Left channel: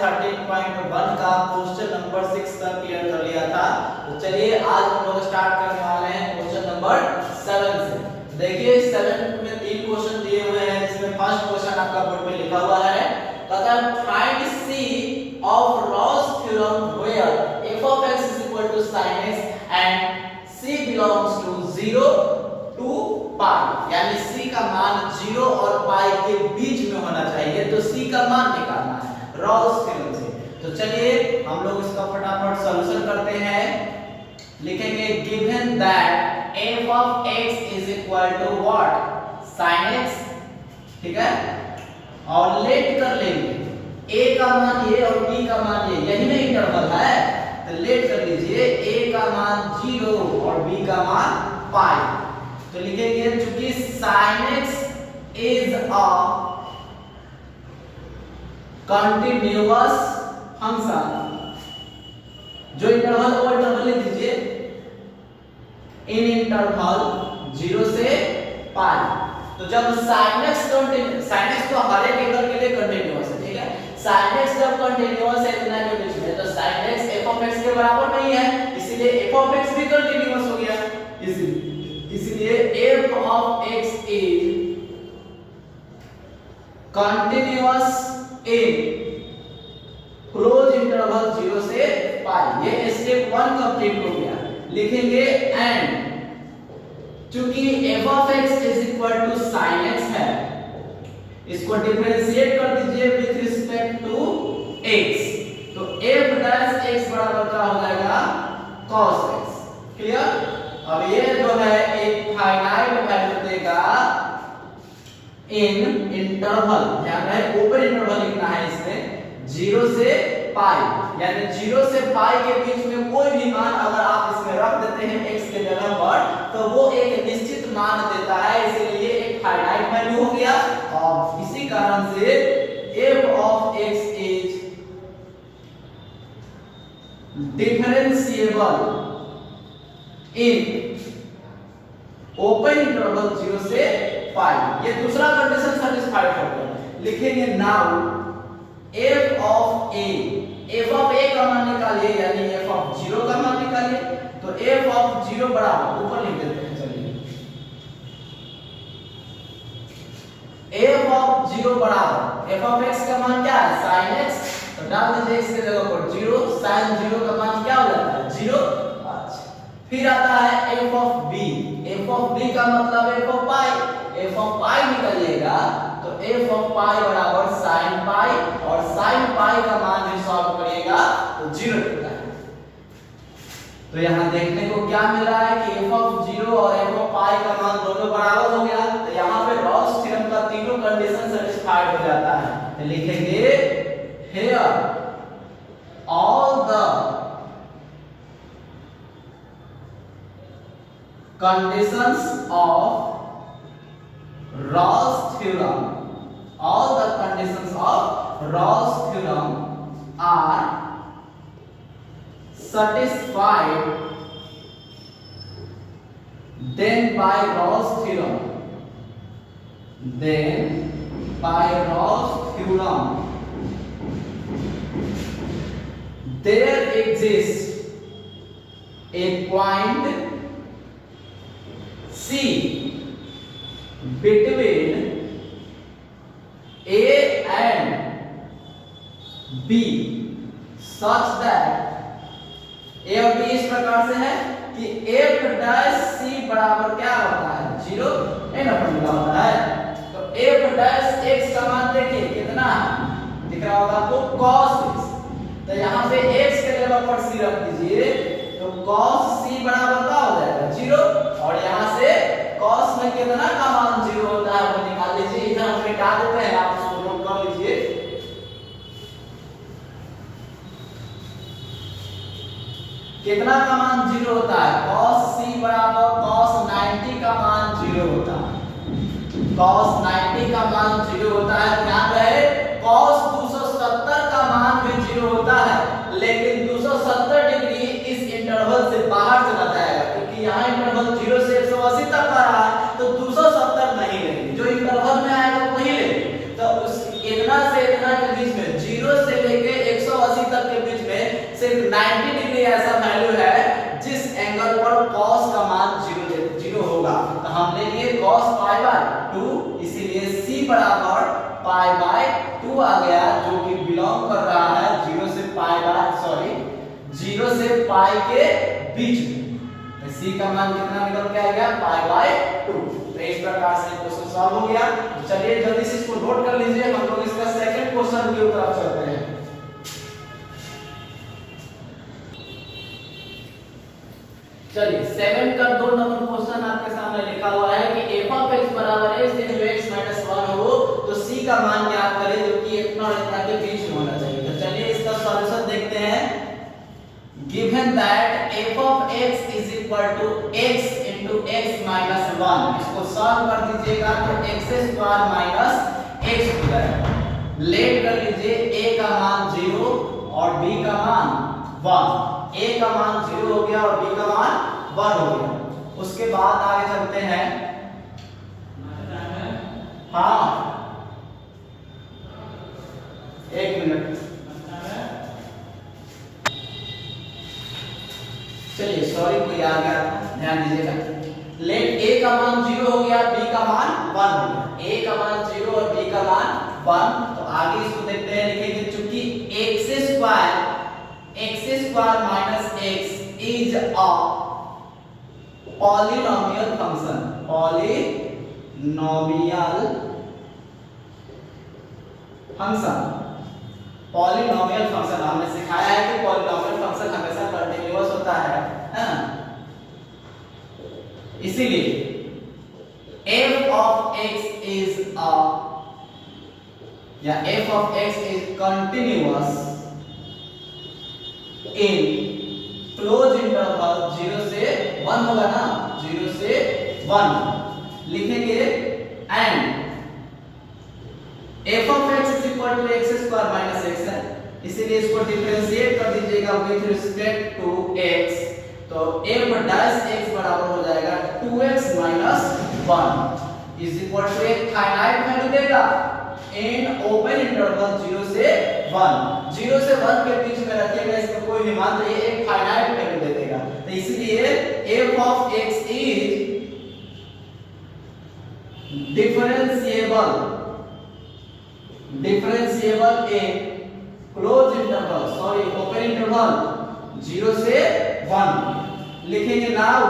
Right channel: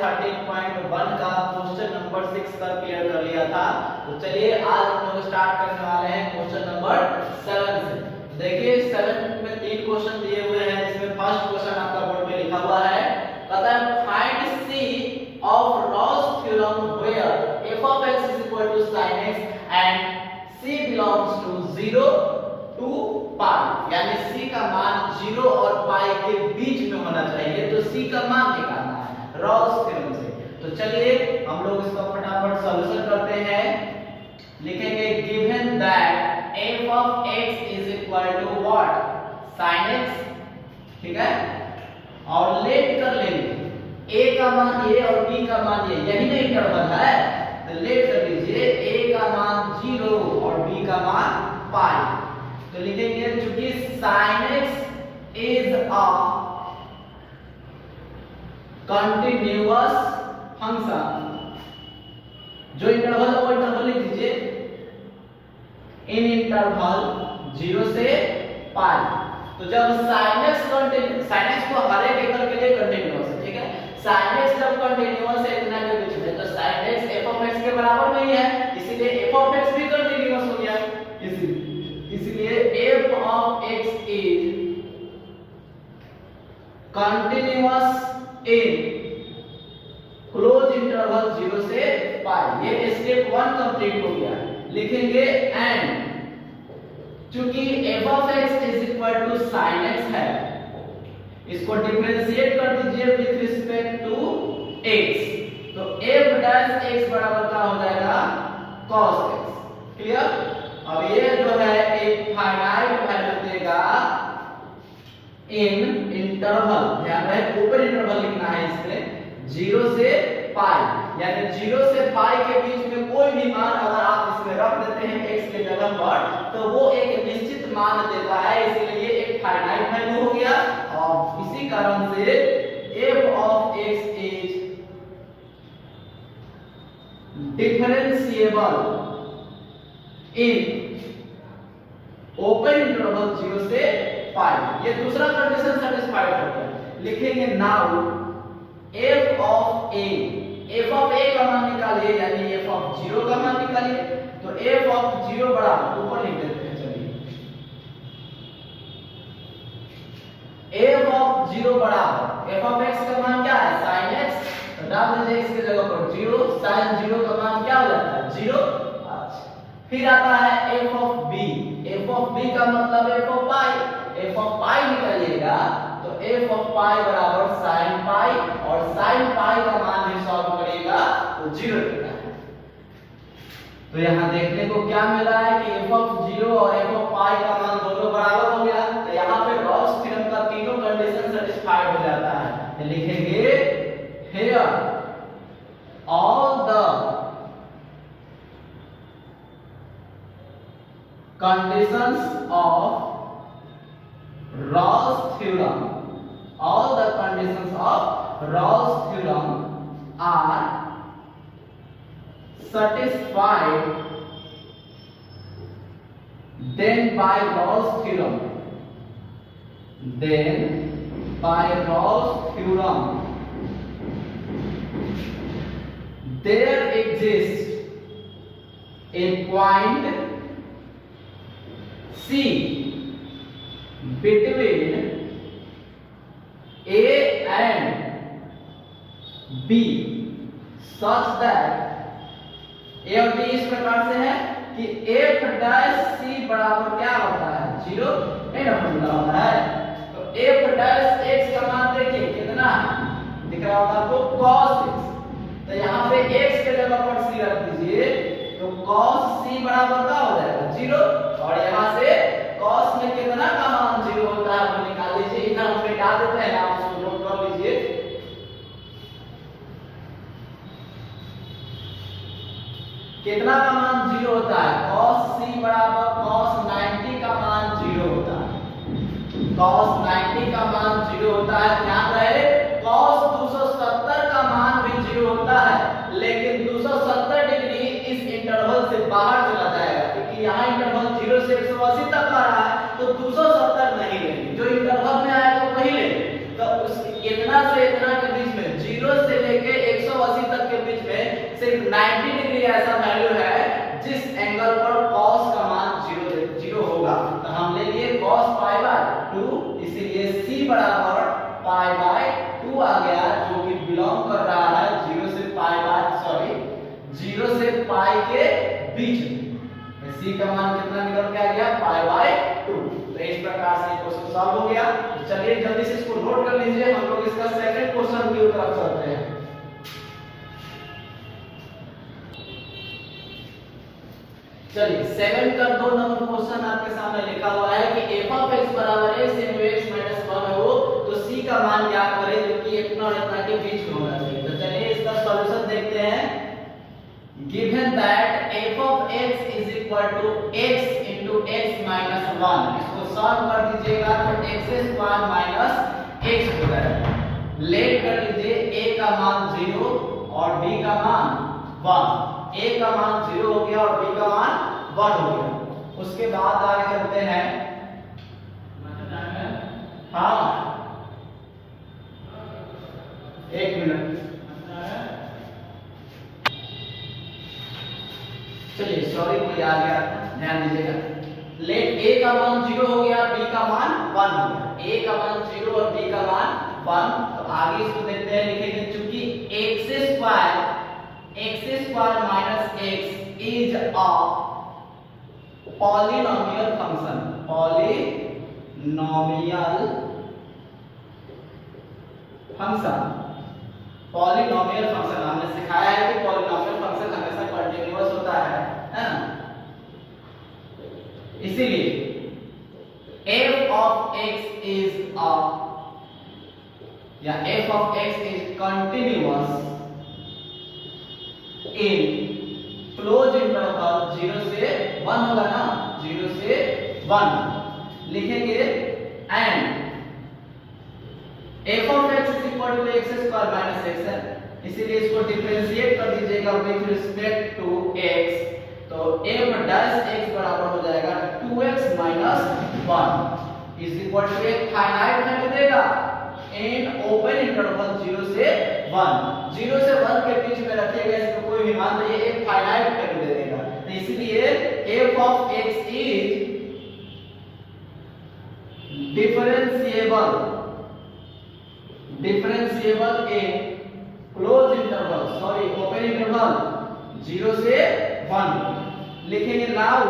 13.1 का question number 6 तक clear कर लिया था। तो चलिए आज हम लोग स्टार्ट करने वाले हैं क्वेश्चन नंबर 7 से। देखिए 7 में 3 क्वेश्चन दिए हुए हैं, जिसमें फर्स्ट क्वेश्चन आपका बोर्ड पे लिखा हुआ है, कहता है find c of Rolle's theorem where f of x is equal to sin x and c belongs to 0 to पाई, यानी c का मान 0 और पाई के बीच में होना चाहिए। तो c का मान निकालना है रॉस थ्योरम से। तो चलिए हम लोग इसका फटाफट सॉल्यूशन करते हैं। लिखेंगे given that f of x is equal to what sin x, ठीक है, और लेट कर लेंगे a का मान ये और b का मान ये, यही ना इंटरवल है, तो लेट कर लीजिए a का मान 0 और b का मान पाई। तो लिखेंगे चूंकि sin x is a continuous function, जो इंटरवल है वो इंटरवल लिख दीजिए, इन इंटरवल 0 से पाई। तो जब sin x तो हर एक एंगल के लिए कंटिन्यूअस है, ठीक है, sin x जब कंटिन्यूअस है इतना के बीच में, तो sin x f of x के बराबर नहीं है, इसीलिए f of x भी कंटिन्यूअस हो गया। इसलिए f of x is continuous in close interval 0 से पाई। ये स्टेप 1 कंप्लीट हो गया। लिखेंगे एंड चूंकि f of x is equal to sin x है, इसको डिफरेंशिएट कर दीजिए विद रिस्पेक्ट टू x, तो f डैश x बराबर का हो जाएगा cos x। क्लियर? अब ये जो है एक फाइनाइट वैल्यू देगा इन इंटरवल, ध्यान रहे ऊपर इंटरवल लिखना है इसमें 0 से पाई, यानी 0 से पाई के बीच में कोई भी मान अगर आप इसमें रख देते हैं x के जगह पर, तो वो एक निश्चित मान देता है, इसलिए एक फाइनाइट वैल्यू हो गया। और इसी कारण से f of x is differentiable in open interval 0 से पाई। ये दूसरा कंडीशन सेटिस्फाइड हो गया। लिखेंगे नाउ f of a का मान निकालिए, यानी f of 0 का मान निकालिए। तो f of 0 बराबर ऊपर लिख देते हैं, चलिए f of 0 बराबर f of x का मान क्या है sin x, तो डाल दीजिए x की जगह पर 0, sin 0 का मान क्या हो जाता है 0। फिर आता है f of b का मतलब f of पाई निकालिएगा, तो f of पाई बराबर sin पाई, और sin पाई का मान भी सॉल्व करिएगा तो 0 मिलता है। तो यहाँ देखने को क्या मिला है कि f of 0 और f of पाई का मान दोनों बराबर हो गया। तो यहाँ पे रॉस थ्योरम का तीनों कंडीशन सेटिस्फाइड हो जाता है। तो लिखेंगे here all the conditions of Ross theorem, all the conditions of Ross theorem are satisfied, then by Ross theorem there exists a point C between A and B such that A और B इस प्रकार से है कि f dash c बराबर क्या होता है 0, n अपन मिला हुआ है। तो f डैश x का मान देखिए कितना है, दिख रहा होगा तो cos x, तो यहाँ पे x के जगह पर c रख दीजिए, तो cos c बराबर क्या हो जाएगा 0, और यहाँ से cos में कितना का मान 0 होता है वो निकाल लीजिए। इधर हम मिटा देते हैं, आप इसको नोट कर लीजिए। कितना का मान 0 होता है, cos c बराबर cos 90 का मान 0 होता है, cos 90 का मान 0 होता है। ध्यान रहे cos 270 का मान भी 0 होता है, लेकिन 270 डिग्री इस इंटरवल से बाहर चला जाएगा, क्योंकि यहाँ इंटरवल 0 से 180 तक का रहा है, तो 270 नहीं लेंगे, जो इंटरवल में आएगा वही लेंगे। तो उस इतना से इतना के बीच में 0 से लेके 2, इसीलिए c बराबर पाई बाय 2 आ गया, जो कि बिलोंग कर रहा है 0 से पाई के बीच में। तो c का मान कितना निकल के आ गया, पाई बाय 2। तो इस प्रकार से क्वेश्चन सॉल्व हो गया। तो चलिए जल्दी से इसको नोट कर लीजिए, हम लोग इसका सेकंड क्वेश्चन की तरफ चलते हैं। चलिए 7 का 2 नंबर क्वेश्चन आपके सामने लिखा हुआ है कि f of x बराबर है x - 1 हो तो c का मान ज्ञात करें, जो कि इतना और इतना के बीच में होना चाहिए। तो चलिए इसका सॉल्यूशन देखते हैं। Given that f of x is equal to x into x minus 1, इसको सॉल्व कर दीजिएगा तो x² minus x हो जाएगा। लेट कर लीजिए a का मान 0 और b का मान 1। a का मान 0 हो गया और b का मान 1 हो गया। उसके बाद आगे चलते हैं। हाँ, एक मिनट, चलिए सॉरी कोई आ गया, ध्यान दीजिएगा। लेट a का मान 0 हो गया, b का मान 1 हो गया। a का मान 0 और b का मान 1। तो आगे इसको देखते हैं, लिखेंगे चूंकि x² minus x is a polynomial function, polynomial function हमने सिखाया है कि पॉलिनोमियल फंक्शन हमेशा कंटीन्यूअस होता है ना। इसीलिए f of x is a या f of x is continuous in close interval 0 से 1 होगा ना, 0 से 1 लिखेंगे। And f of x is equal to x² minus x है, इसीलिए इसको डिफरेंशिएट कर दीजिएगा विद रिस्पेक्ट टू x। तो f डैश x बराबर हो जाएगा 2x minus 1 is equal to एक फाइनाइट वैल्यू देगा इन ओपन इंटरवल 0 से 1। 0 से 1 के बीच में रखिएगा, इसमें कोई भी मान लीजिए एक फाइनाइट वैल्यू दे देगा। तो इसलिए f of x is differentiable in close interval, sorry open interval 0 से 1। लिखेंगे नाउ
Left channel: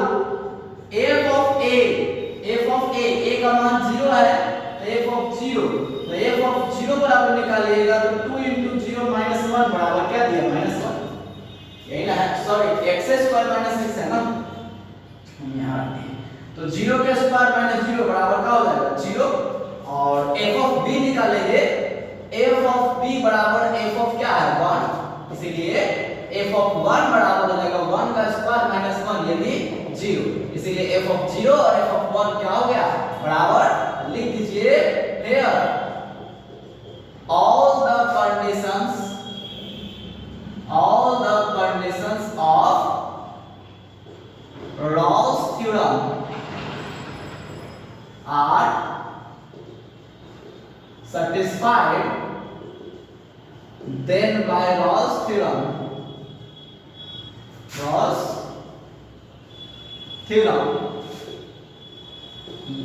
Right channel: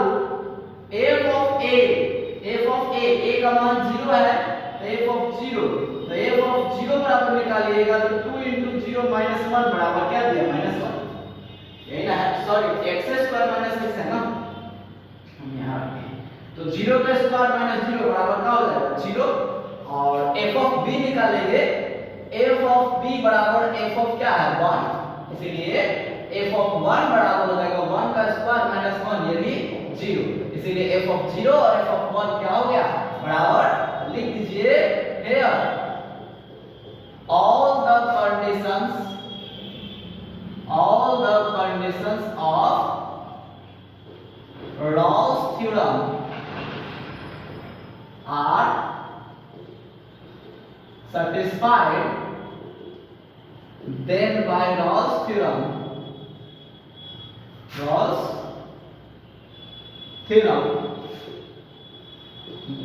f of a का मान 0 है, तो f of 0, तो f of 0 बराबर निकालिएगा तो 2 into 0 minus 1 बराबर क्या दिया, -1, यही ना है, सॉरी x² minus x है ना, हम यहाँ रखते हैं। तो 0 का स्क्वायर माइनस 0 बराबर क्या हो जाएगा, 0। और f of b निकालेंगे, f of b बराबर f of क्या है, 1, इसीलिए f of 1 बराबर हो जाएगा 1 का स्क्वायर माइनस 1 यानी 0। इसीलिए f of 0 और f of 1 क्या हो गया, बराबर। लिख दीजिए here all the conditions of Rawls theorem are satisfied, then by Rawls theorem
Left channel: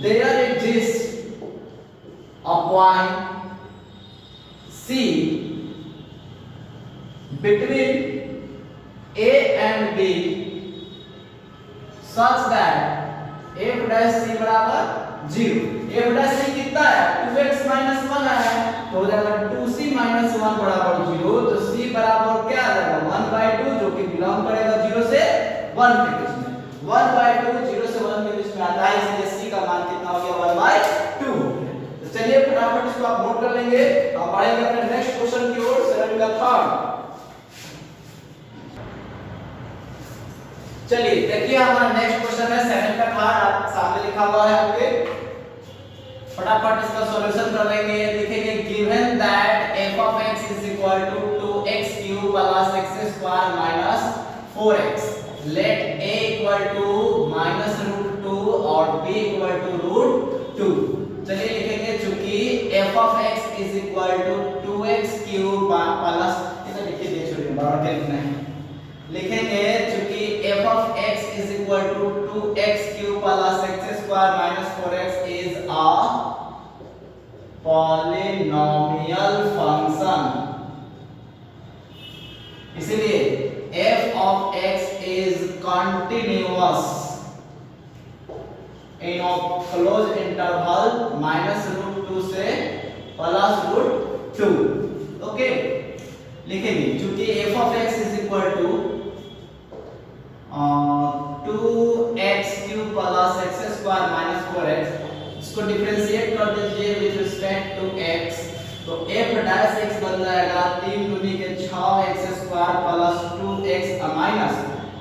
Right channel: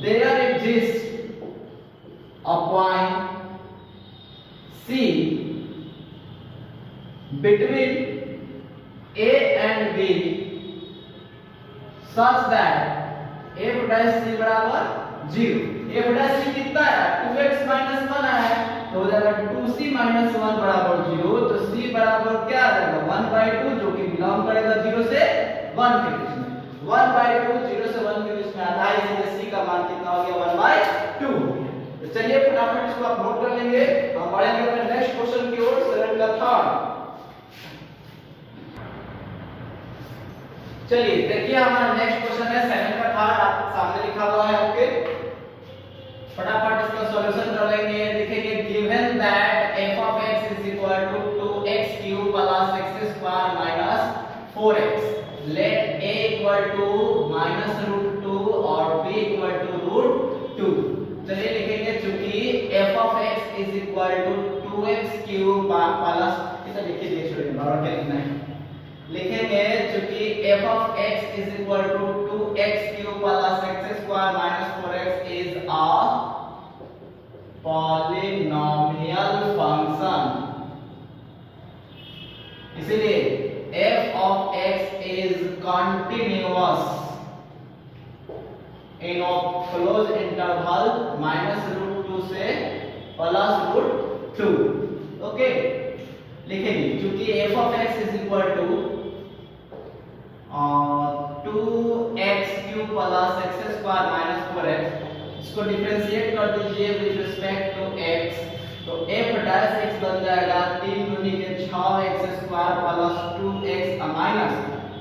there exists a point C between A and B such that f dash c बराबर 0। f dash c कितना है, 2x minus 1 है, तो हो जाएगा 2c minus 1 बराबर 0। तो c बराबर क्या आ जाएगा, 1/2, जो कि बिलोंग करेगा 0 से 1 के बीच में। 1/2 0 से 1 के बीच में आता है, इसलिए c का मान कितना हो गया, 1/2। तो चलिए फटाफट इसको आप नोट कर लेंगे। अब बढ़ेंगे अपने नेक्स्ट क्वेश्चन की ओर, 7 का थर्ड। चलिए देखिए हमारा नेक्स्ट क्वेश्चन है 7 का थर्ड, आप सामने लिखा हुआ है आपके, फटाफट इसका सॉल्यूशन कर लेंगे। लिखेंगे given that f of x is equal to 2x³ plus x² minus 4x, let a equal to -√2 और b equal to √2। चलिए लिखेंगे चूंकि f of x is equal to 2x³ plus, इसे लिखिए, छोड़िए बराबर क्या लिखना है, लिखेंगे चूंकि f of x is equal to 2x cube plus x square minus 4x is a polynomial function, इसलिए f of x is continuous in a closed interval minus root 2 से plus root 2. ओके, लिखेंगे चूंकि f of x is equal to 2x cube plus x square minus 4x, इसको differentiate कर दीजिए with respect to x, तो f dash x बन जाएगा 3 दूनी के 6x square plus 2x minus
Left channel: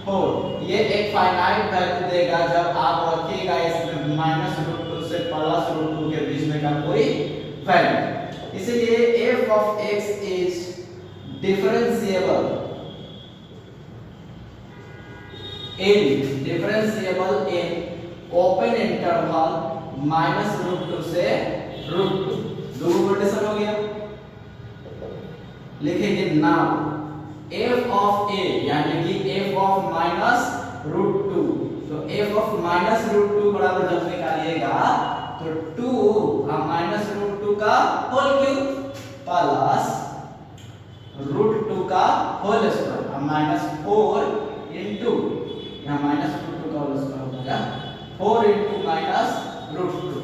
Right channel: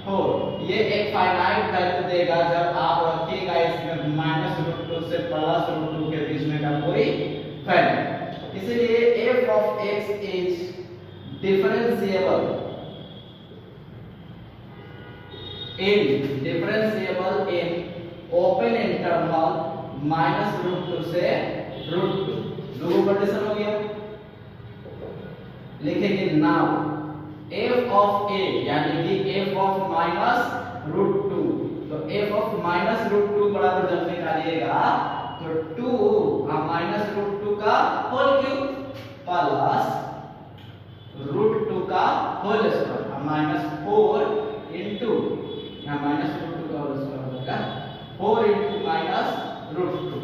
4. ये एक फाइनाइट वैल्यू देगा जब आप रखिएगा इसमें माइनस रूट 2 से प्लस रूट 2 के बीच में का कोई वैल्यू, इसलिए f of x is differentiable in open interval minus root 2 से root 2. दो कंडीशन हो गया. लिखेंगे नाउ f of a यानी कि f of minus root 2, तो f of minus root 2 बराबर जब निकालिएगा तो 2 माइनस रूट 2 का होल क्यूब प्लस रूट 2 का होल स्क्वायर माइनस 4 इंटू यहाँ माइनस रूट 2 का होल स्क्वायर हो जाएगा 4 इंटू माइनस रूट 2.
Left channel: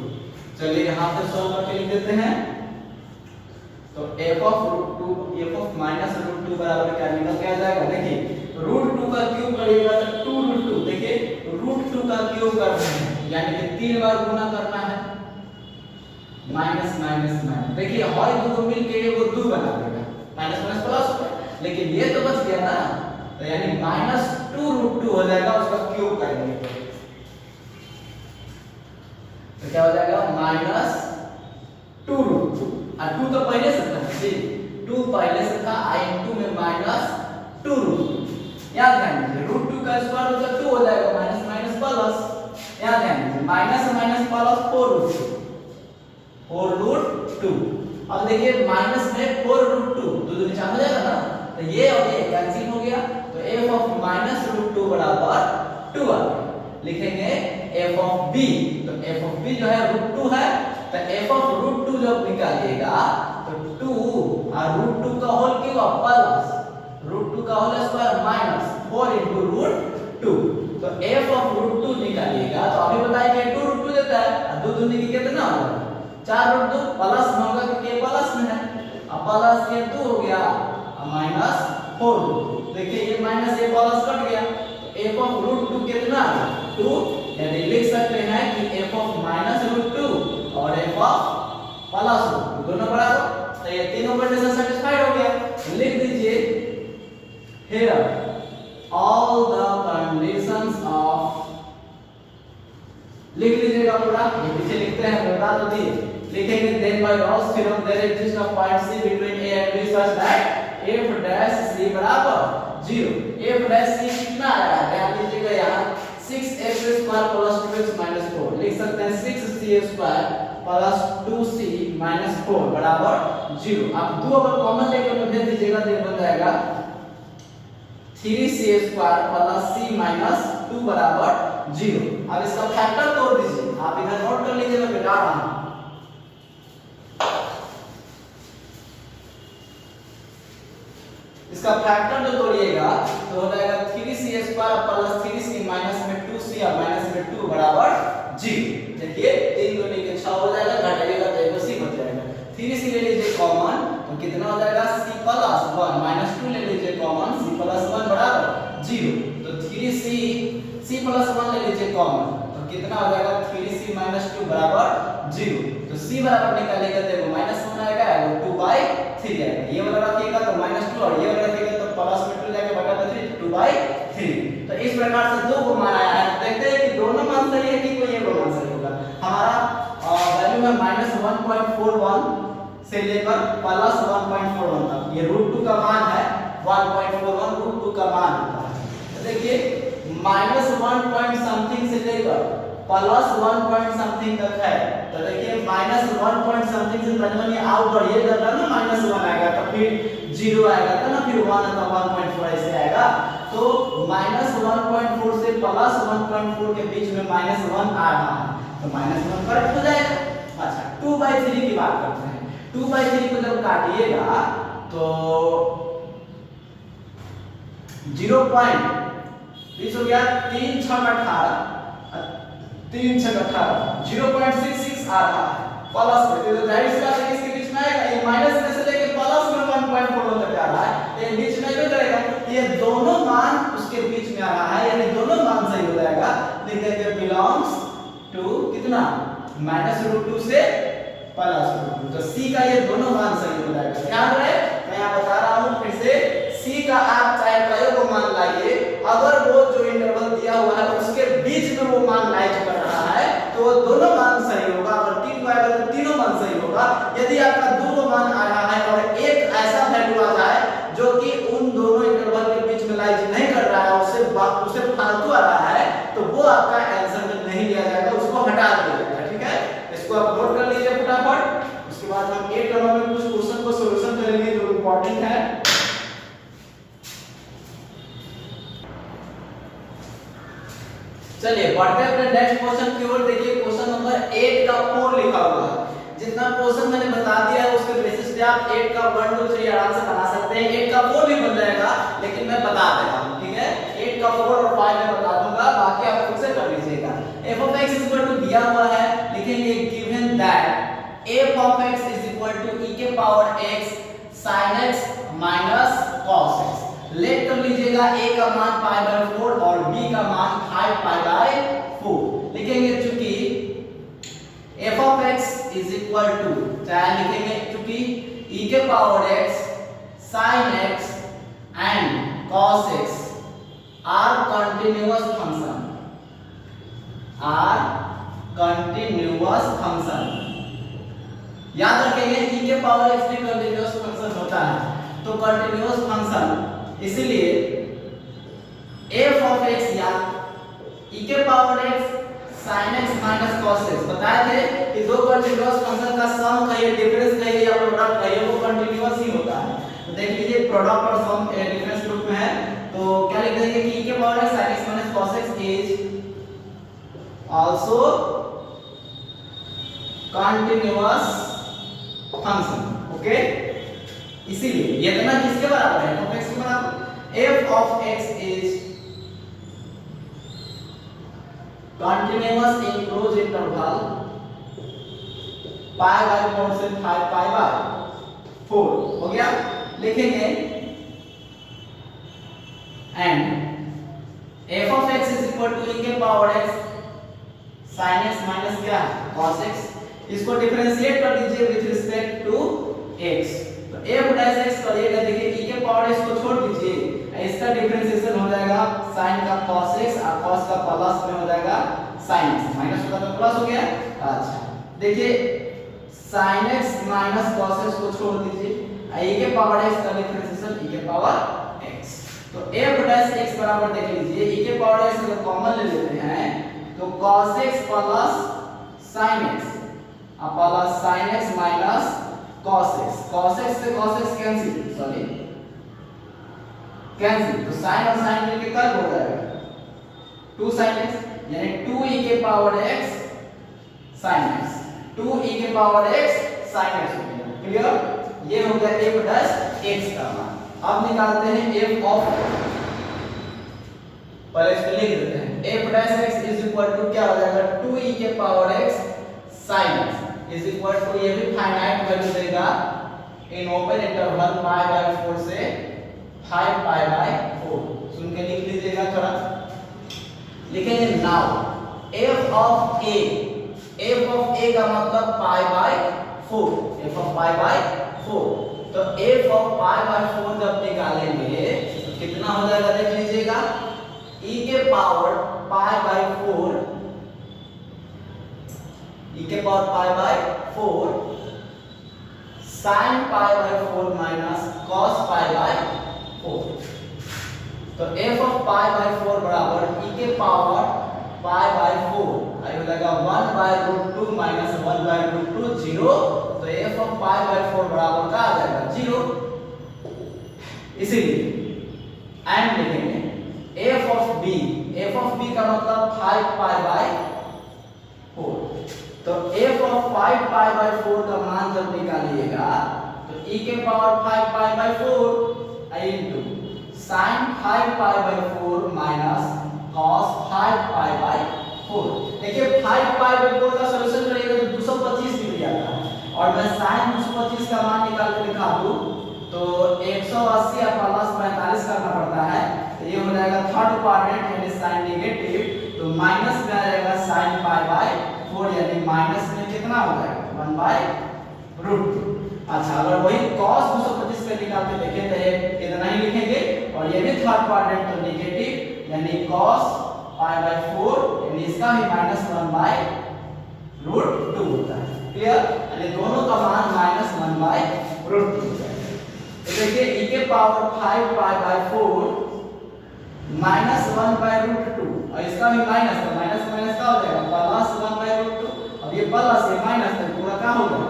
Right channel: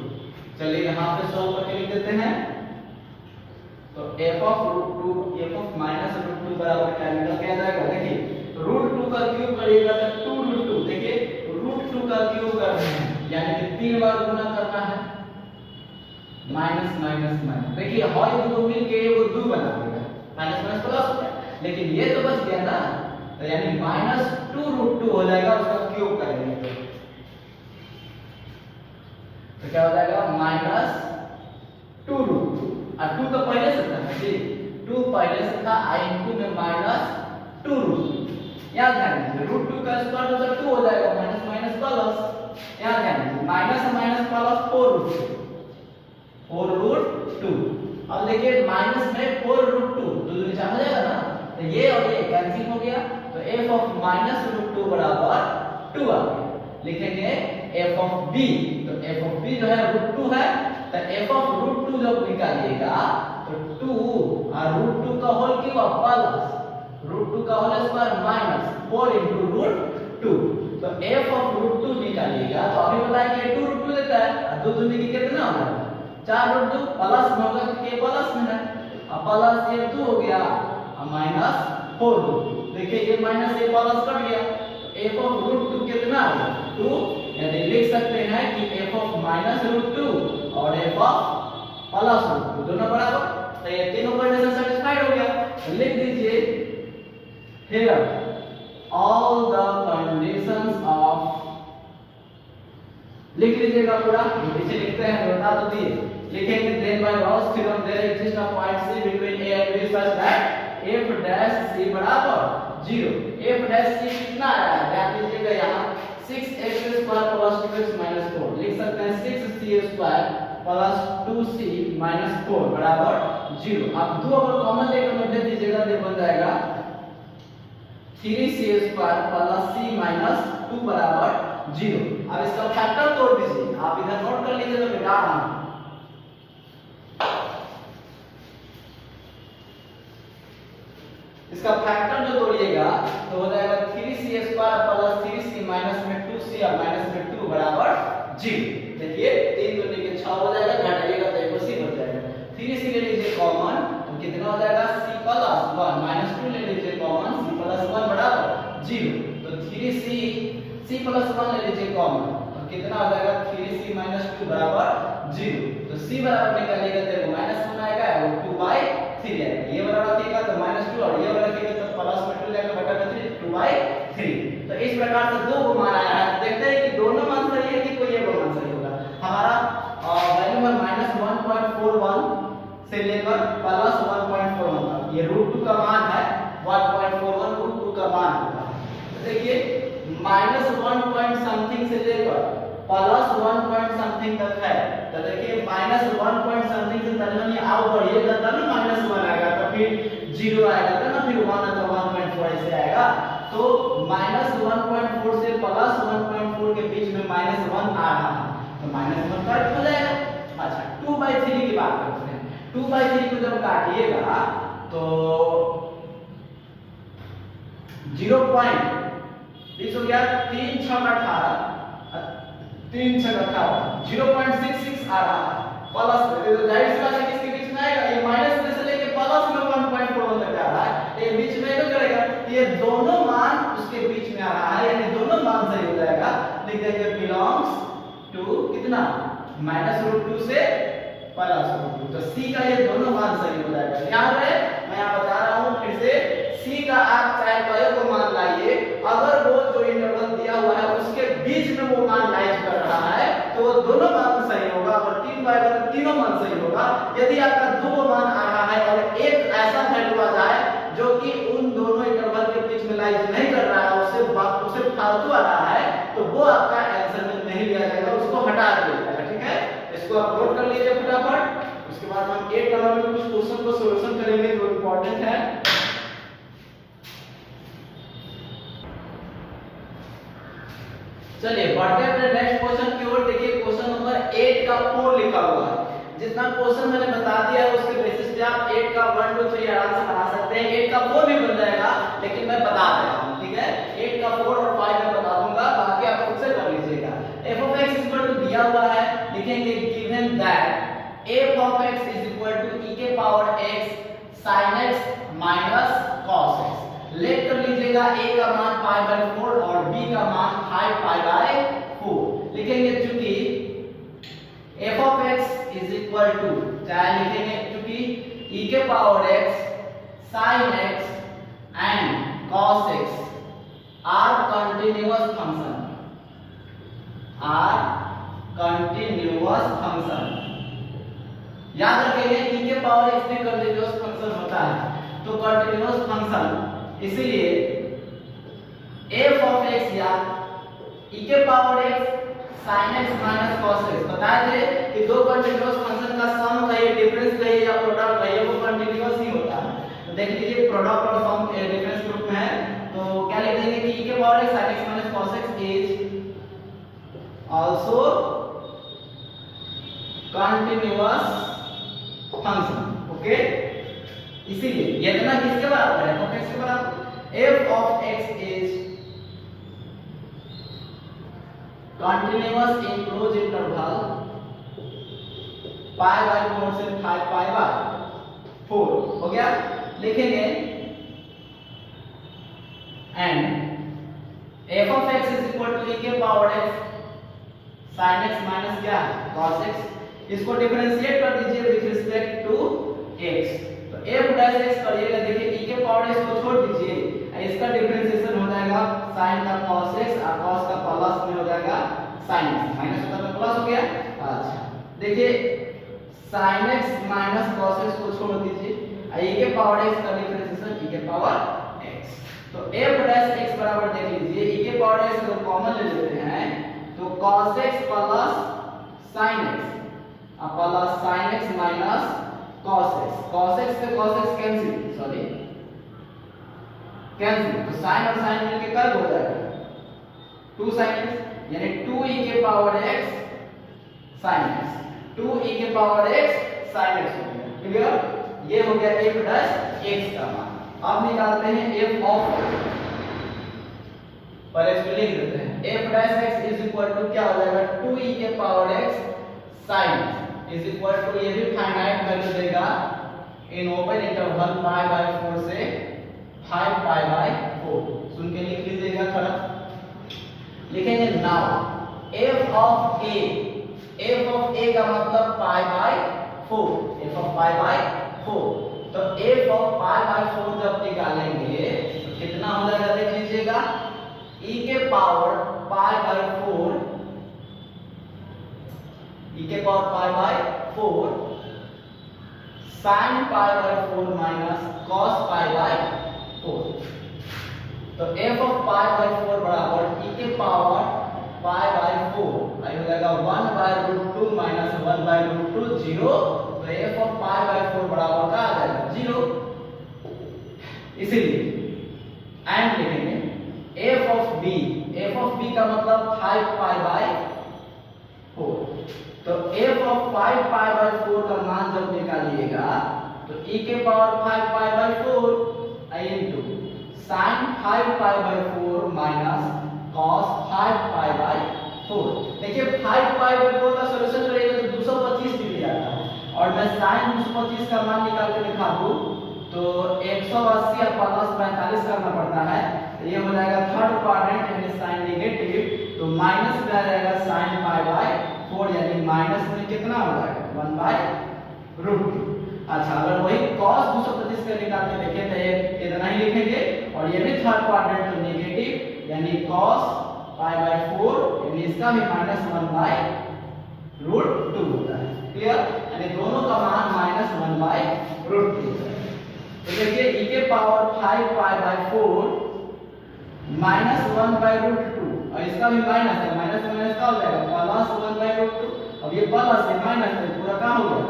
चलिए यहाँ पे सॉल्व करके लिख देते हैं. तो f of root 2 f of minus root 2 बराबर क्या निकल के आ जाएगा. देखिए रूट 2 का क्यूब करिएगा तो 2 रूट 2, देखिए रूट 2 का क्यूब कर रहे हैं यानी कि 3 बार गुना करना है. माइनस माइनस माइनस, देखिए हर दो मिलके वो 2 बना देगा माइनस माइनस प्लस हो, लेकिन ये तो बच गया ना, तो यानी माइनस 2 रूट 2 हो जाएगा, उसका क्यूब करेंगे तो क्या हो जाएगा माइनस 2 रूट 2. और 2 तो पहले से था जी, 2 पहले से था i2 में माइनस 2 रूट 2. याद ध्यान दीजिए रूट 2 का स्क्वायर मतलब 2 हो जाएगा माइनस माइनस प्लस. याद ध्यान दीजिए minus minus plus 4 root 2 4 root 2. अब देखिए माइनस में 4 रूट 2 तो दूनी चाह हो जाएगा ना, तो ये और ये कैंसिल हो गया, तो f of माइनस रूट 2 बराबर 2 आ गया. लिखेंगे f of b, तो f of b जो है रूट 2 है, तो f of रूट 2 जब निकालिएगा तो 2 और रूट 2 का होल क्यूब प्लस रूट 2 का whole square minus 4 into root 2. तो f of रूट 2 निकालिएगा तो अभी बताएंगे 2 रूट 2 देता है, 2 दूनी की कितना हो जाएगा 4 रूट 2 प्लस में होगा क्योंकि प्लस में है, अब प्लस ये 2 हो गया और माइनस 4 रूट 2. देखिए ये माइनस ये प्लस कट गया, तो f of रूट 2 कितना है 2, यानी लिख सकते हैं कि f of माइनस रूट 2 और f of प्लस रूट 2 दोनों बराबर, तो ये तीनों कंडीशन सैटिस्फाइड हो गया. तो लिख दीजिए here all the conditions of, लिख लीजिएगा पूरा, ये पीछे लिखते हैं बता तो दिए. लिखेंगे then by Gauss theorem there exists a point C between A and B such that f dash C बराबर 0. f dash C कितना आया है ध्यान दीजिएगा, यहाँ 6x square plus 2x minus 4 लिख सकते हैं 6c square plus 2c minus 4 बराबर 0. आप दो अगर कॉमन लेकर भेज दीजिएगा तो बन जाएगा 3c square plus c minus 2 बराबर 0. अब इसका फैक्टर तोड़ दीजिए, आप इधर नोट कर लीजिए, मैं बता रहा हूं. इसका फैक्टर जो तोड़िएगा तो हो जाएगा 3c square plus 3c minus में 2c और माइनस में 2 बराबर 0. देखिए 3 दूनी के 6 हो जाएगा, घटाइएगा तो एक c बच जाएगा. 3c ले लीजिए कॉमन तो कितना हो जाएगा c प्लस 1 माइनस 2 ले लीजिए कॉमन c प्लस 1 बराबर 0. तो 3c c प्लस 1 ले लीजिए कॉमन तो कितना हो जाएगा 3c माइनस 2 बराबर 0. तो c बराबर निकालेगा तो माइनस 1 आएगा और 2/3 आएगा. ये वाला रखिएगा तो -2 और ये वाला रखिएगा तो प्लस में 2 जाएगा बटा 3 2/3. तो इस प्रकार से दो को मान आया है. देखते हैं कि दोनों मान सही है कि कोई एक मान सही होगा. हमारा वैल्यू है -1.41 से लेकर प्लस 1.41 तक. ये √2 का मान है 1.41 √2 का मान होता है. तो देखिए -1 पॉइंट समथिंग से लेकर प्लस 1 पॉइंट समथिंग तक है. तो देखिए -1 पॉइंट समथिंग से पहले ये आउ बढ़िएगा ना -1 आएगा तो फिर 0 आएगा तो ना फिर 1 तो 1.4 ऐसे आएगा. तो -1.4 से +1.4 के बीच में -1 आ रहा है, तो -1 करेक्ट हो जाएगा। अच्छा 2/3 की बात करते हैं। 2/3 को जब काटिएगा तो 0 हो गया, 3 6 18, 3 6 18, 0.66 आ रहा है प्लस में, तो जाहिर सी बात है किसके बीच में आएगा, ये माइनस में से लेके प्लस में 1.41 तक जा रहा है, ये बीच में क्यों करेगा, ये दोनों मान उसके बीच में आ रहा है, यानी दोनों मान सही हो जाएगा। लिख देंगे बिलोंग्स टू कितना -√2 से +√2, तो सी का ये दोनों मान सही हो जाएगा। ध्यान रहे मैं यहाँ बता रहा हूँ फिर से, सी का आप चाहे कई को मान लाइए, अगर वो जो इंटरवल दिया हुआ है उसके बीच में वो मान लाइज कर रहा है तो वो दोनों मान सही होगा, अगर 3 को आएगा तो तीनों मान सही होगा। यदि आपका 2 मान आ रहा है और एक ऐसा वैल्यू आ जाए जो कि उन दोनों इंटरवल के बीच में लाइज नहीं कर रहा है, उससे फालतू आ रहा है, तो वो आपका आंसर में नहीं लिया जाएगा, उसको हटा दिया जाएगा। ठीक है, इसको आप नोट कर लीजिए फटाफट। उसके बाद हम 1 नंबर में कुछ क्वेश्चन को सॉल्यूशन करेंगे जो इंपॉर्टेंट है। चलिए बढ़ते हैं अपने नेक्स्ट क्वेश्चन की ओर। देखिए क्वेश्चन नंबर 8 का 4 लिखा हुआ है। जितना क्वेश्चन मैंने बता दिया है उसके बेसिस पे आप 8 का 1 2 3 आराम से बना सकते हैं। 8 का 4 भी बन जाएगा, लेकिन मैं बता देता हूं, ठीक है। 8 का 4 और 5 मैं बता दूंगा, बाकी आप खुद से कर लीजिएगा। f(x) दिया हुआ है, लिखेंगे given that f(x) e⁻x sin x minus cos x। Let कर लीजिएगा, a का मान π/4 और b का मान 5π/4। लिखेंगे चूंकि f(x) चाहे लिखेंगे चूंकि e⁻x sin x and cos x are continuous function। याद रखेंगे e⁻x भी कंटीन्यूअस फंक्शन होता है, तो कंटीन्यूअस फंक्शन, इसलिए f(x) या e⁻x sin x minus cos x बताए थे कि दो कंटीन्यूअस फंक्शन का सम कहिए, डिफरेंस कहिए या प्रोडक्ट कहिए, वो कंटीन्यूअस ही होता है। तो देख लीजिए प्रोडक्ट और सम डिफरेंस ग्रुप में है, तो क्या लिख देंगे कि e⁻x sin x minus cos x is also continuous function। Okay, इसीलिए ये इतना किसके बराबर है, f(x) के बराबर। f(x) is continuous in closed interval π/4 से 5π/4 हो गया। लिखेंगे and f(x) is equal to e⁻x sin x minus क्या cos x। इसको डिफरेंशिएट कर दीजिए विद रिस्पेक्ट टू x, तो f'(x) करिएगा, देखिए e⁻x को छोड़ दीजिए, इसका डिफरेंशिएशन हो जाएगा sin का cos x और cos का प्लस में हो जाएगा sin x, माइनस होगा तो प्लस हो गया। अच्छा देखिए sin x minus cos x को छोड़ दीजिए, e⁻x का डिफरेंशिएशन e⁻x, तो f'(x) बराबर देख लीजिए e⁻x को कॉमन ले लेते हैं तो cos x plus sin x plus sin x minus cos x, cos x से cos x कैंसिल, तो sin और sin मिलके कर्व हो जाएगा 2 sin x, यानी 2e⁻x sin x, 2e⁻x sin x हो गया। क्लियर, ये हो गया f'(x) का मान। अब निकालते हैं f ऑफ, पहले इसको लिख देते हैं, f'(x) इज इक्वल टू क्या हो जाएगा 2e⁻x sin x is equal to, ये भी फाइनाइट वैल्यू देगा इन ओपन इंटरवल π/4 से 5π/4। सुन के लिख लीजिएगा थोड़ा, लिखेंगे नाउ f ऑफ a का मतलब π/4, f ऑफ π/4, तो f ऑफ π/4 जब निकालेंगे तो कितना हो जाएगा देख लीजिएगा, e⁻π/4 sin π/4 minus cos π/4, तो f ऑफ π/4 बराबर e⁻π/4 हो जाएगा 1/√2 minus 1/√2 0, तो f ऑफ π/4 बराबर क्या आ जाएगा 0। इसीलिए एंड लिखेंगे का मतलब 5 पाई बाय 4। तो f ऑफ 5 पाई बाय 4 का मान जब निकालिएगा तो e के power 5 pi by 4 into sin 5 pi by 4 minus cos 5 pi by 4। देखिए 5 पाई बाय 4 का सॉल्यूशन करेंगे तो 225 डिग्री आता है, और मैं sin 225 का मान निकाल के दिखा दूं तो 180 या प्लस 45 करना पड़ता है, तो ये हो जाएगा थर्ड क्वाड्रेंट यानी sin नेगेटिव, तो माइनस में आ जाएगा sin पाई बाय 4 यानी माइनस में कितना हो जाएगा 1 बाय √2। अच्छा, अगर वही cos 225 पे निकाल के देखें तो ये इतना ही लिखेंगे, और ये भी थर्ड क्वाड्रेंट तो नेगेटिव यानी cos पाई बाय 4 यानी इसका भी माइनस 1 बाय √2 होता है। क्लियर? यानी दोनों का मान माइनस 1 बाय √2 होता है। तो देखिए e के power 5 pi by 4 minus 1 by √2, और इसका भी माइनस है, माइनस माइनस क्या हो जाएगा प्लस 1 बाय √2। अब ये प्लस है माइनस है, पूरा क्या हो गया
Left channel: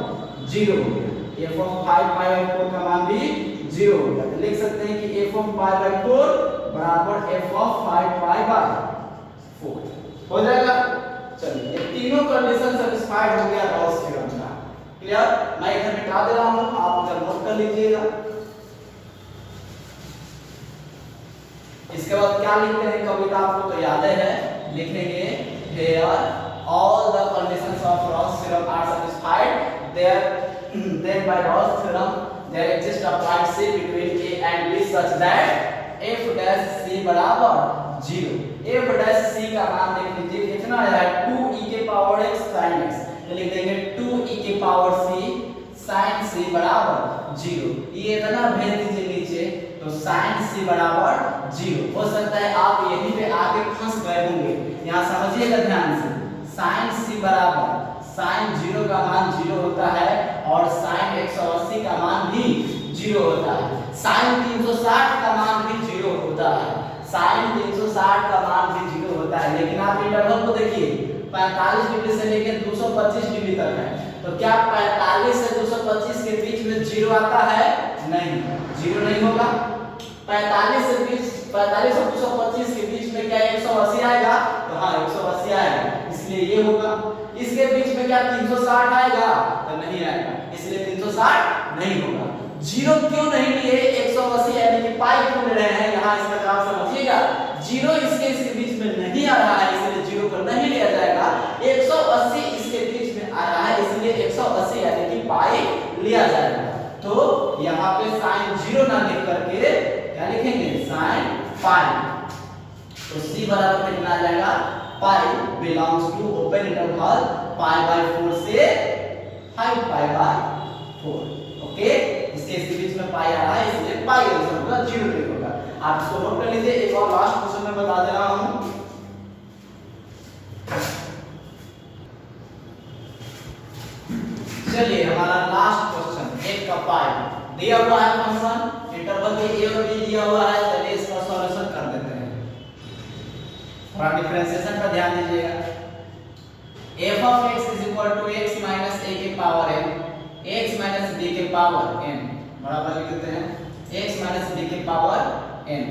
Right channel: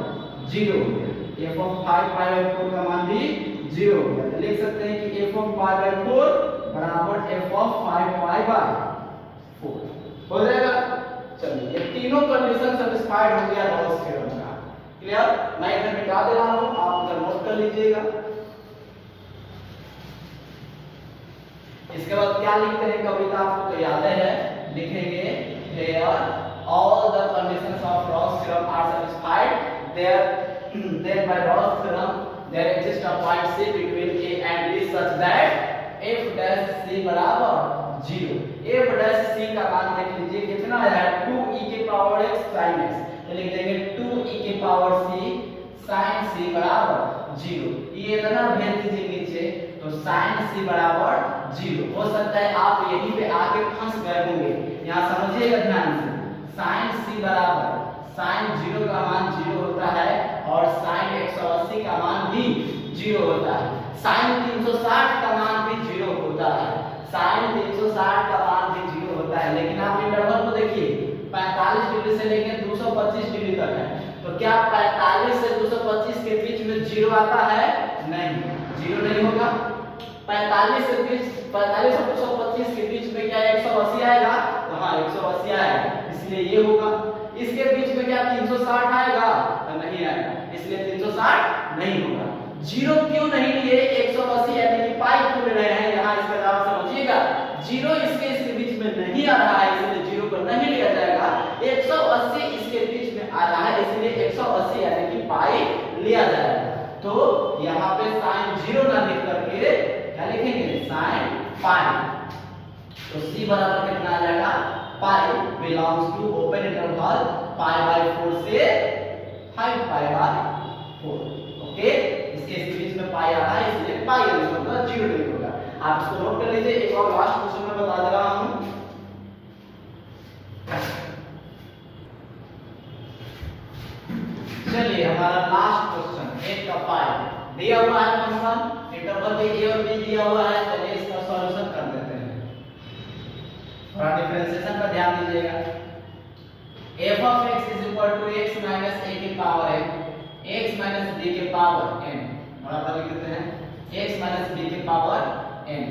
0 हो गया। f ऑफ 5 पाई बाय 4 का मान भी 0 हो गया। तो लिख सकते हैं कि f ऑफ पाई बाय 4 बराबर f ऑफ 5 पाई बाय 4 हो जाएगा। चलिए ये तीनों कंडीशन सैटिस्फाइड हो गया रॉल्स थ्योरम का। क्लियर? मैं इधर मिटा दे रहा हूं, आप इधर नोट कर लीजिएगा। इसके बाद क्या लिखते हैं कविता आपको तो याद है, लिखेंगे here all the conditions of Rolle's theorem are satisfied then by Rolle's theorem there exists a point C between A and B such that f dash C बराबर 0। f dash C का मान देख लीजिए कितना आया है 2e के power x sin x, तो लिख देंगे 2e के पावर c sin c बराबर 0। ये इतना भेज दीजिए नीचे, तो sin c बराबर 0। हो सकता है आप यहीं पे आके फंस गए होंगे, यहाँ समझिएगा ध्यान से। sin c बराबर sin 0 का मान 0 होता है और sin 180 का मान भी 0 होता है। sin 360 का मान भी 0 होता है, sin 360 का मान भी 0 होता है। लेकिन आप इंटरवल को देखिए 45 डिग्री से लेकर 225 डिग्री तक है, तो क्या 45 से 225 के बीच में 0 आता है? नहीं, 0 नहीं होगा। 45 और 225 के बीच में क्या 180 आएगा? तो हाँ 180 आएगा, इसलिए ये होगा। इसके बीच में क्या 360 आएगा? तो नहीं आएगा, इसलिए 360 नहीं होगा। 0 क्यों नहीं लिए? 180 यानी कि पाई क्यों ले रहे हैं? यहाँ इसका जवाब समझिएगा। 0 इसके बीच में नहीं आ रहा है, इसलिए 0 को नहीं लिया जाएगा। 180 इसके बीच में आ रहा है, इसलिए 180 यानी कि पाई लिया जाएगा। तो यहाँ पे sin 0 ना लिख करके क्या लिखेंगे? sin पाई। तो c बराबर कितना आ जाएगा? Pi belongs to open interval pi by 4 से 5 पाई बाय 4। ओके, इसके बीच में पाई आ रहा है, इसलिए पाई आंसर होगा, 0 नहीं होगा। आप इसको नोट कर लीजिए। एक और लास्ट क्वेश्चन में बता दे रहा हूं। चलिए हमारा लास्ट क्वेश्चन 1 का पाई दिया हुआ है, फंक्शन इंटरवल में a और b दिया हुआ है। चलिए इसका सॉल्यूशन कर देते हैं। थोड़ा डिफरेंशिएशन पर ध्यान दीजिएगा। f of x is equal to x minus a के power n, x minus b के पावर n बराबर लिख देते हैं x minus b के पावर n।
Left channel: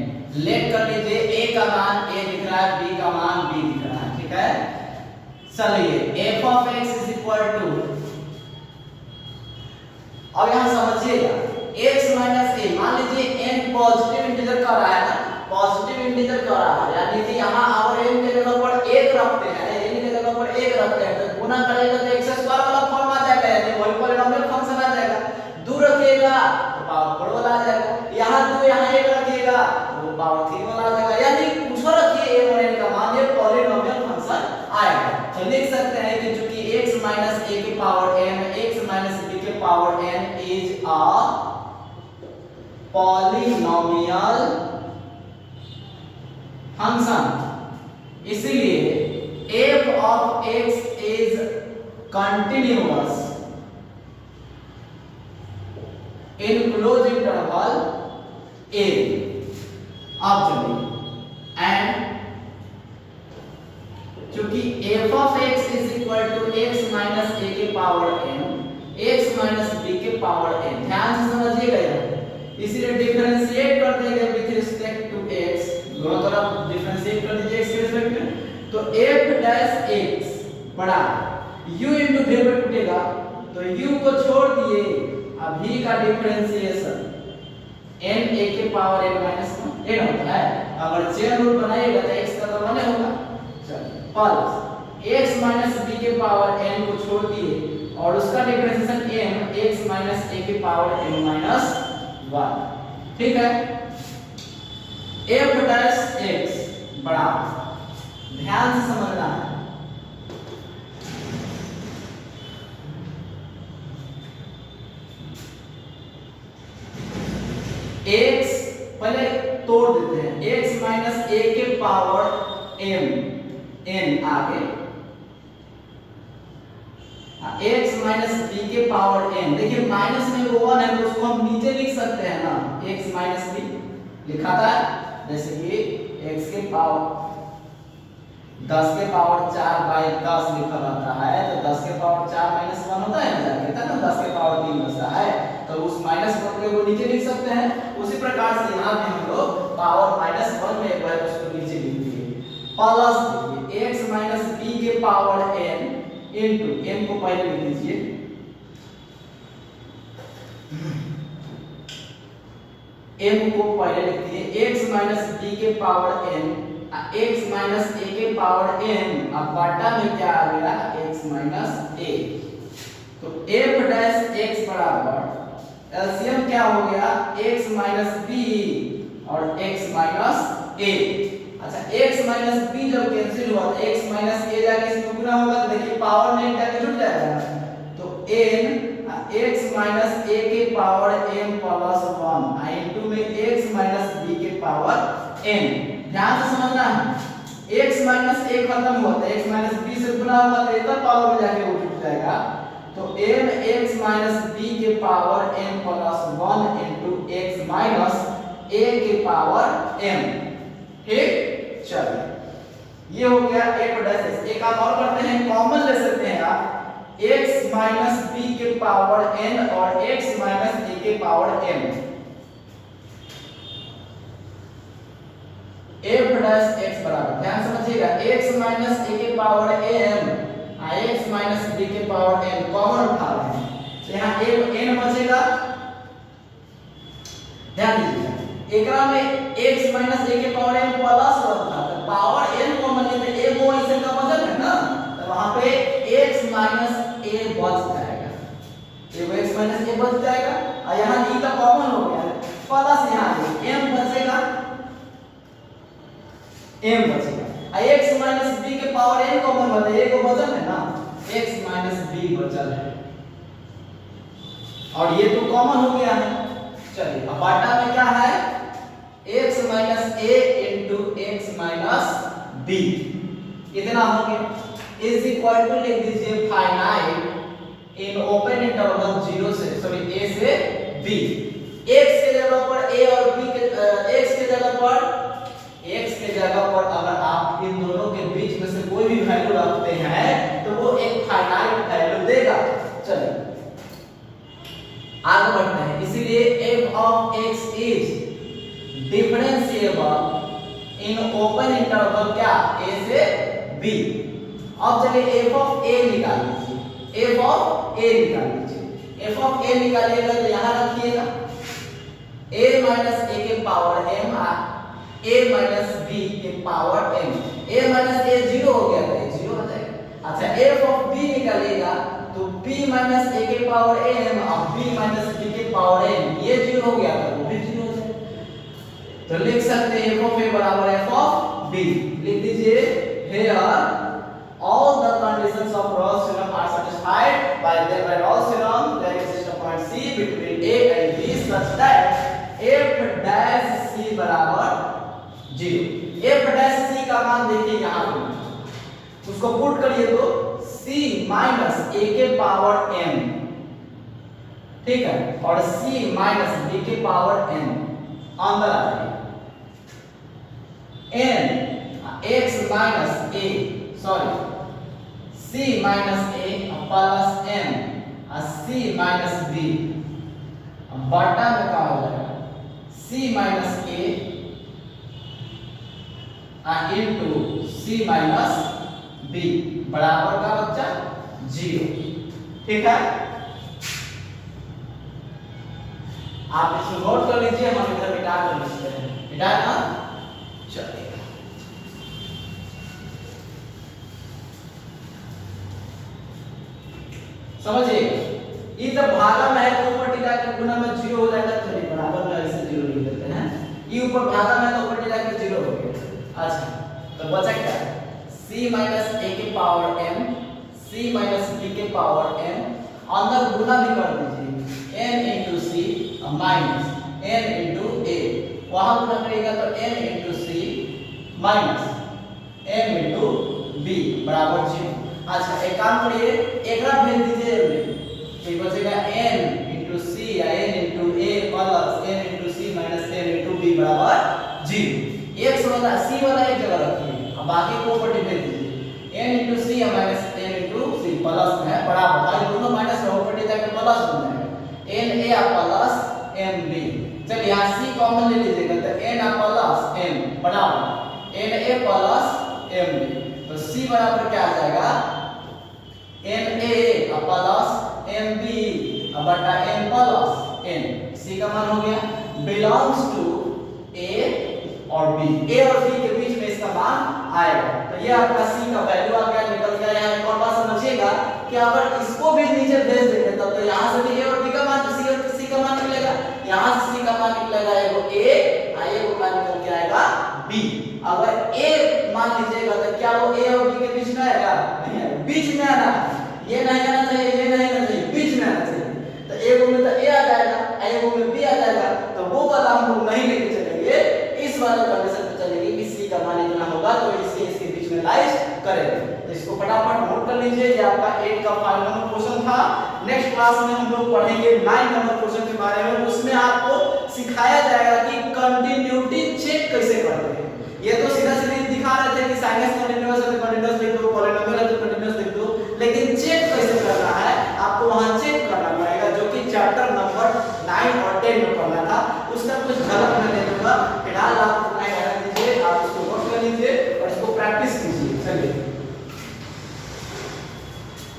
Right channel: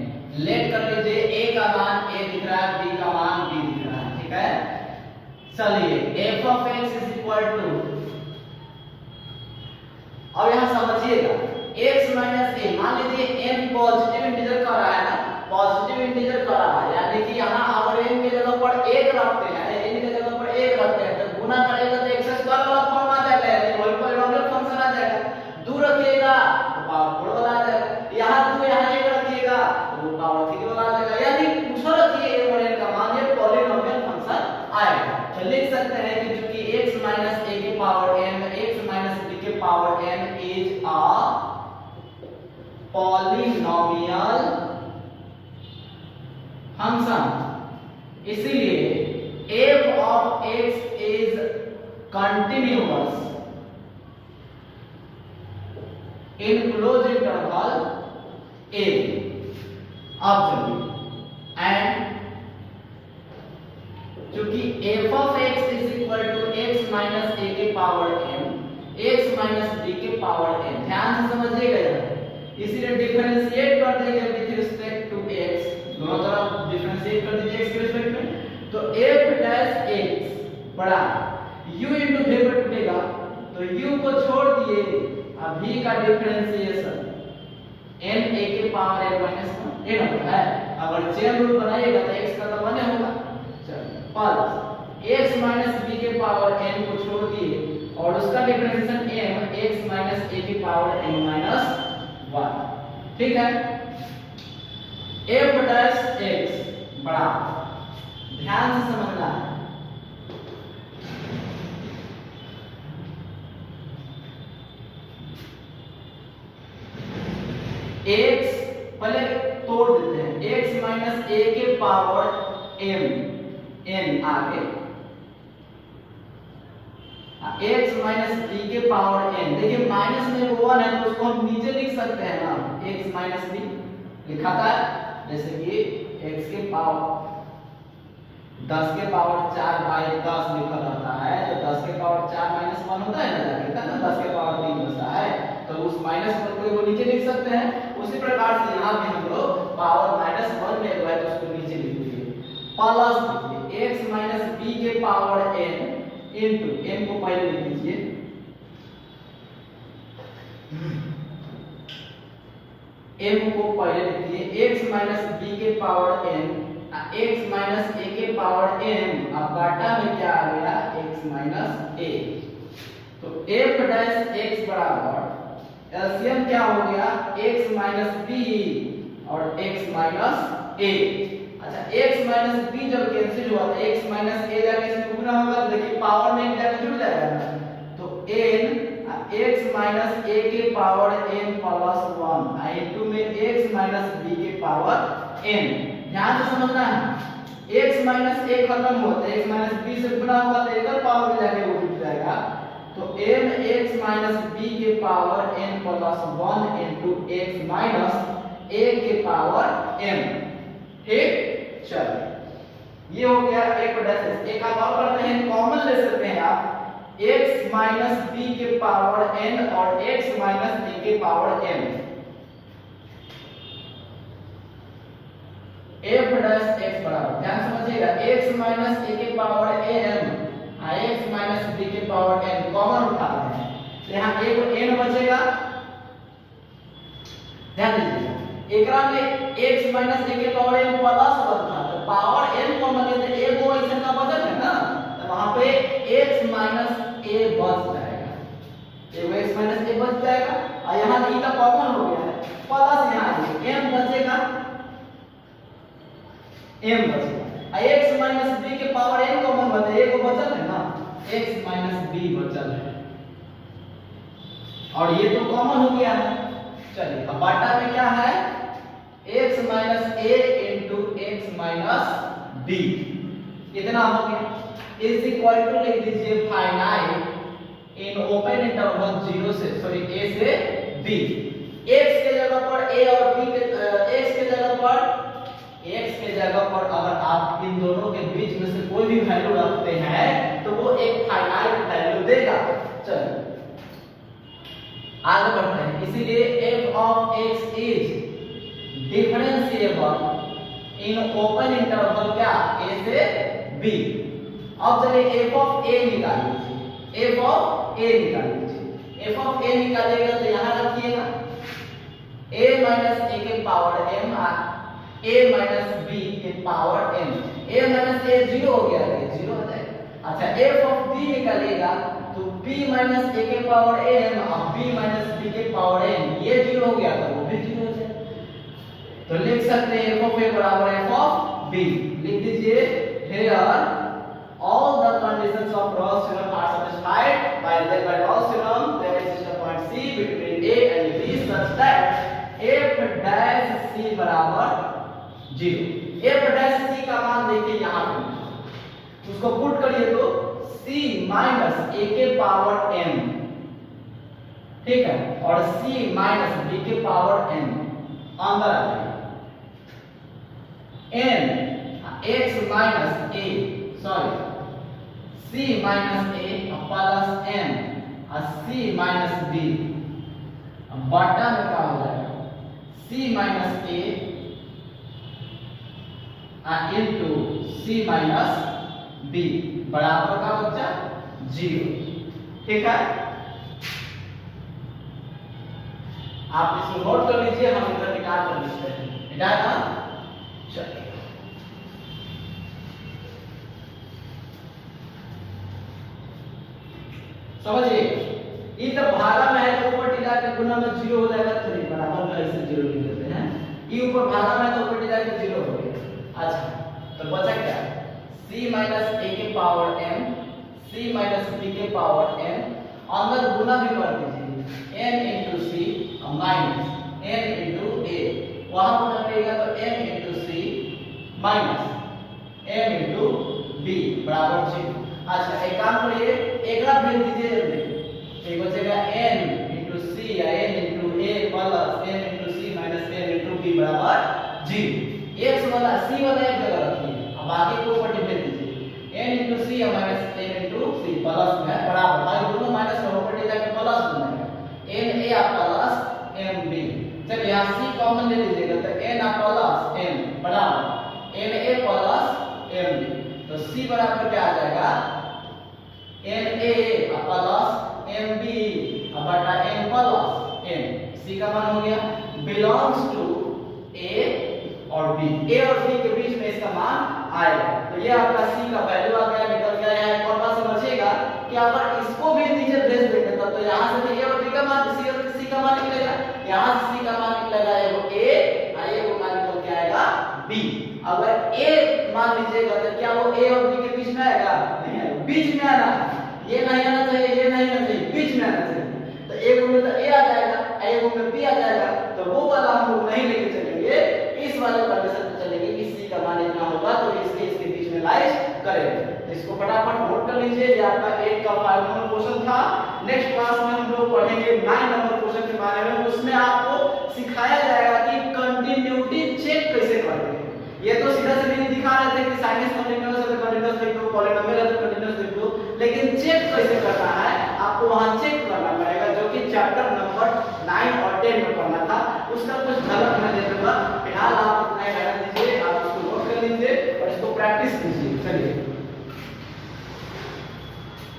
लेट कर लीजिए a का मान a दिख रहा है, b का मान b दिख रहा है, ठीक है। चलिए f of x is equal to, अब यहां समझिएगा x minus a, मान लीजिए n पॉजिटिव इंटीजर का रहा है ना, पॉजिटिव इंटीजर का रहा है, यानी कि यहां अगर n के जगह पर 1 रखते हैं, n के जगह पर 1 रखते हैं तो गुना करेगा तो x स्क्वायर वाला फॉर्म आ जाएगा, यानी वही पॉलिनोमियल फंक्शन आ जाएगा। 2 रखिएगा तो पावर 4 वाला आ जाएगा, यहां 2 यहां 1 रखिएगा तो वो पावर 3 वाला आ जाएगा, यानी कुछ रखिए a और n का मान, ये पॉलिनोमियल फंक्शन आएगा। तो लिख सकते हैं कि चूंकि x minus a के power n, x minus b के power n is a polynomial function, इसलिए f of x is continuous in closed interval a। अब चलिए एंड क्योंकि f of x is equal to x minus a के power n, x minus b के power n, ध्यान से समझिएगा यार, इसलिए डिफरेंशिएट कर देंगे विद रिस्पेक्ट टू x, दोनों तरफ डिफरेंशिएट कर दीजिए x के रिस्पेक्ट में। बड़ा u इंटू v पर टूटेगा तो u को छोड़ दिए, अब v का डिफरेंशिएशन n a के पावर n माइनस n होता है। अगर चेन रूल बनाइएगा तो x का तो बने होगा, चलिए प्लस x माइनस b के पावर n को छोड़ दिए और उसका differentiation m x minus a के पावर n माइनस 1। ठीक है, f डैश x बराबर, ध्यान से समझना है, x पहले तोड़ देते हैं, x माइनस a के पावर m n आगे, x माइनस b के पावर n, देखिए माइनस में वो 1 है तो उसको हम नीचे लिख सकते हैं ना, x माइनस b लिखा था, जैसे कि x के पावर 10 के पावर 4 बाई 10 लिखा रहता है, तो 10 के पावर 4 माइनस 1 होता है ना, कहता है ना 10 के पावर 3 होता है, तो उस माइनस को नीचे लिख सकते हैं। उसी प्रकार से यहाँ पे हम लोग पावर माइनस 1 में है उसको नीचे लिख दिए, प्लस देखिए x माइनस b के पावर n इनटू m को पहले लिख दीजिए, m को पहले लिख दिए, x माइनस b के power n x minus a के पावर n, अब बटा में क्या आ गया x माइनस a, तो f डैश x बराबर एलसीएम क्या हो गया x माइनस b और x माइनस a। अच्छा x माइनस b जब कैंसिल हुआ तो x माइनस a जाके इसमें गुना होगा, तो देखिए पावर में जाके जुड़ जाएगा ना, तो n x माइनस a के पावर m प्लस 1 इनटू में x माइनस b के पावर n। ध्यान से समझना है, x माइनस a खत्म हुआ तो x माइनस b से गुना होगा तो इधर पावर में जाके वो जुड़ जाएगा, तो m x माइनस b के power n plus 1 into x minus a के पावर m। ठीक, चलिए ये हो गया एक डैश x, एक आप और करते हैं, कॉमन ले सकते हैं आप x माइनस b के पावर n और x माइनस a के power m, f dash x बराबर, ध्यान समझिएगा x माइनस a के power m x minus b के पावर n कॉमन उठा रहे हैं, तो यहाँ n बचेगा, ध्यान दीजिएगा एकरा में x माइनस a के पावर n प्लस 1 था, तो पावर n कॉमन लेते a वो इसे का बचत है ना, तो वहां पे x माइनस a बच जाएगा, ये वो x माइनस a बच जाएगा, और यहाँ e का कॉमन हो गया है, प्लस यहाँ m बचेगा, m बचेगा, x माइनस b के पावर n कॉमन होता है, एक बचल है ना, x माइनस b बचल है, और ये तो कॉमन हो गया है। चलिए अब बाटा में क्या है x minus a into x minus b, कितना हो गया इज इक्वल टू लिख दीजिए फाइनाइट इन ओपन इंटरवल 0 से सॉरी a से b, x के जगह पर a और b के x के जगह पर अगर आप इन दोनों के बीच में से कोई भी वैल्यू रखते हैं तो वो एक फाइनाइट वैल्यू देगा। चलिए आगे बढ़ते हैं, इसीलिए f of x is differentiable in open interval क्या a से b। अब चलिए f of a निकाल लीजिए, f of a निकाल लीजिए, f of a निकालिएगा तो यहां रखिएगा a माइनस a के power m a minus b के power n, a minus a 0 हो गया तो 0 हो जाएगा। अच्छा f of b निकालिएगा तो b माइनस a के पावर n और b माइनस b के पावर n, ये 0 हो गया तो वो भी 0 हो जाएगा, तो लिख सकते हैं f of a बराबर f of b, लिख दीजिए here all the conditions of Gauss theorem are satisfied by Gauss theorem, there exists a point c between a and b such that f dash c बराबर 0। f dash c का मान देखिए यहाँ पे, उसको put करिए तो c माइनस a के पावर n, ठीक है, और c माइनस b के पावर n अंदर आ जाएगा, n x minus a sorry c minus a plus n और c माइनस b, बटा में क्या हो जाएगा c minus a into c minus b बराबर का बच्चा 0। ठीक है, आप इसको नोट कर लीजिए, हम इधर मिटा कर लिखते हैं। मिटा ना, चलिए समझिए, ये जब भागा में है तो ऊपर टिका के गुना में 0 हो जाएगा। चलिए बराबर में ऐसे 0 लिख देते हैं। ये ऊपर भागा में तो ऊपर टिका के 0 हो गया। अच्छा, तो बचा क्या? c माइनस a के power m, c minus b के पावर m, अंदर गुना भी कर दीजिए, n into c minus n into a, वहां गुना करिएगा तो m into c minus m into b बराबर 0। अच्छा, एक काम करिए, एक बार भेज दीजिए जल्दी, तो ये बचेगा n into c या n into a plus n into c minus n into b बराबर 0। x वाला c वाला एक जगह रखिए, अब बाकी को ऊपर भेज दीजिए, n into c या minus n into c plus में बराबर, भाई दोनों माइनस में ऊपर जाकर प्लस हो जाएगा, n a plus n b। चलिए यहाँ c कॉमन ले लीजिएगा तो n प्लस n बराबर n a plus n b, तो c बराबर क्या आ जाएगा? n a plus n b बटा n प्लस n। c का मान हो गया बिलोंग्स टू a और b, a और b के बीच में इसका मान आएगा। तो ये आपका c का वैल्यू आ गया, निकल गया। यहाँ एक और बात समझिएगा कि अगर इसको भी नीचे भेज देंगे तब तो यहाँ से a और b का मान c का मान निकलेगा, यहाँ से c का मान निकलेगा एगो a और एगो मान निकल के आएगा b। अगर a मान लीजिएगा तो क्या वो a और b के बीच में आएगा? नहीं, बीच में आना, ये नहीं आना चाहिए, ये नहीं आना चाहिए, बीच में आना चाहिए। तो एगो में तो a आ जाएगा, एगो में b आ जाएगा, तो वो वाला हम लोग नहीं लेके चलेंगे, इस वाले कंडीशन पे चलेंगे कि c का मान इतना होगा तो इसके बीच में लाइज करेंगे। तो इसको फटाफट नोट कर लीजिए, ये आपका 8 का 5 नंबर क्वेश्चन था। नेक्स्ट क्लास में हम लोग पढ़ेंगे 9 नंबर क्वेश्चन के बारे में, उसमें आपको सिखाया जाएगा कि कंटिन्यूटी चेक कैसे करते हैं। ये तो सीधा सीधा दिखा रहे थे कि साइनस कंटीन्यूअस है तो कंटीन्यूअस लिख दो, पॉलिनोमियल है तो कंटीन्यूअस लिख दो, लेकिन चेक कैसे करना है आपको वहां चेक करना पड़ेगा, जो कि चैप्टर नंबर 9 और 10 में पढ़ना था। उसका कुछ झलक मैं दे दूंगा। फिलहाल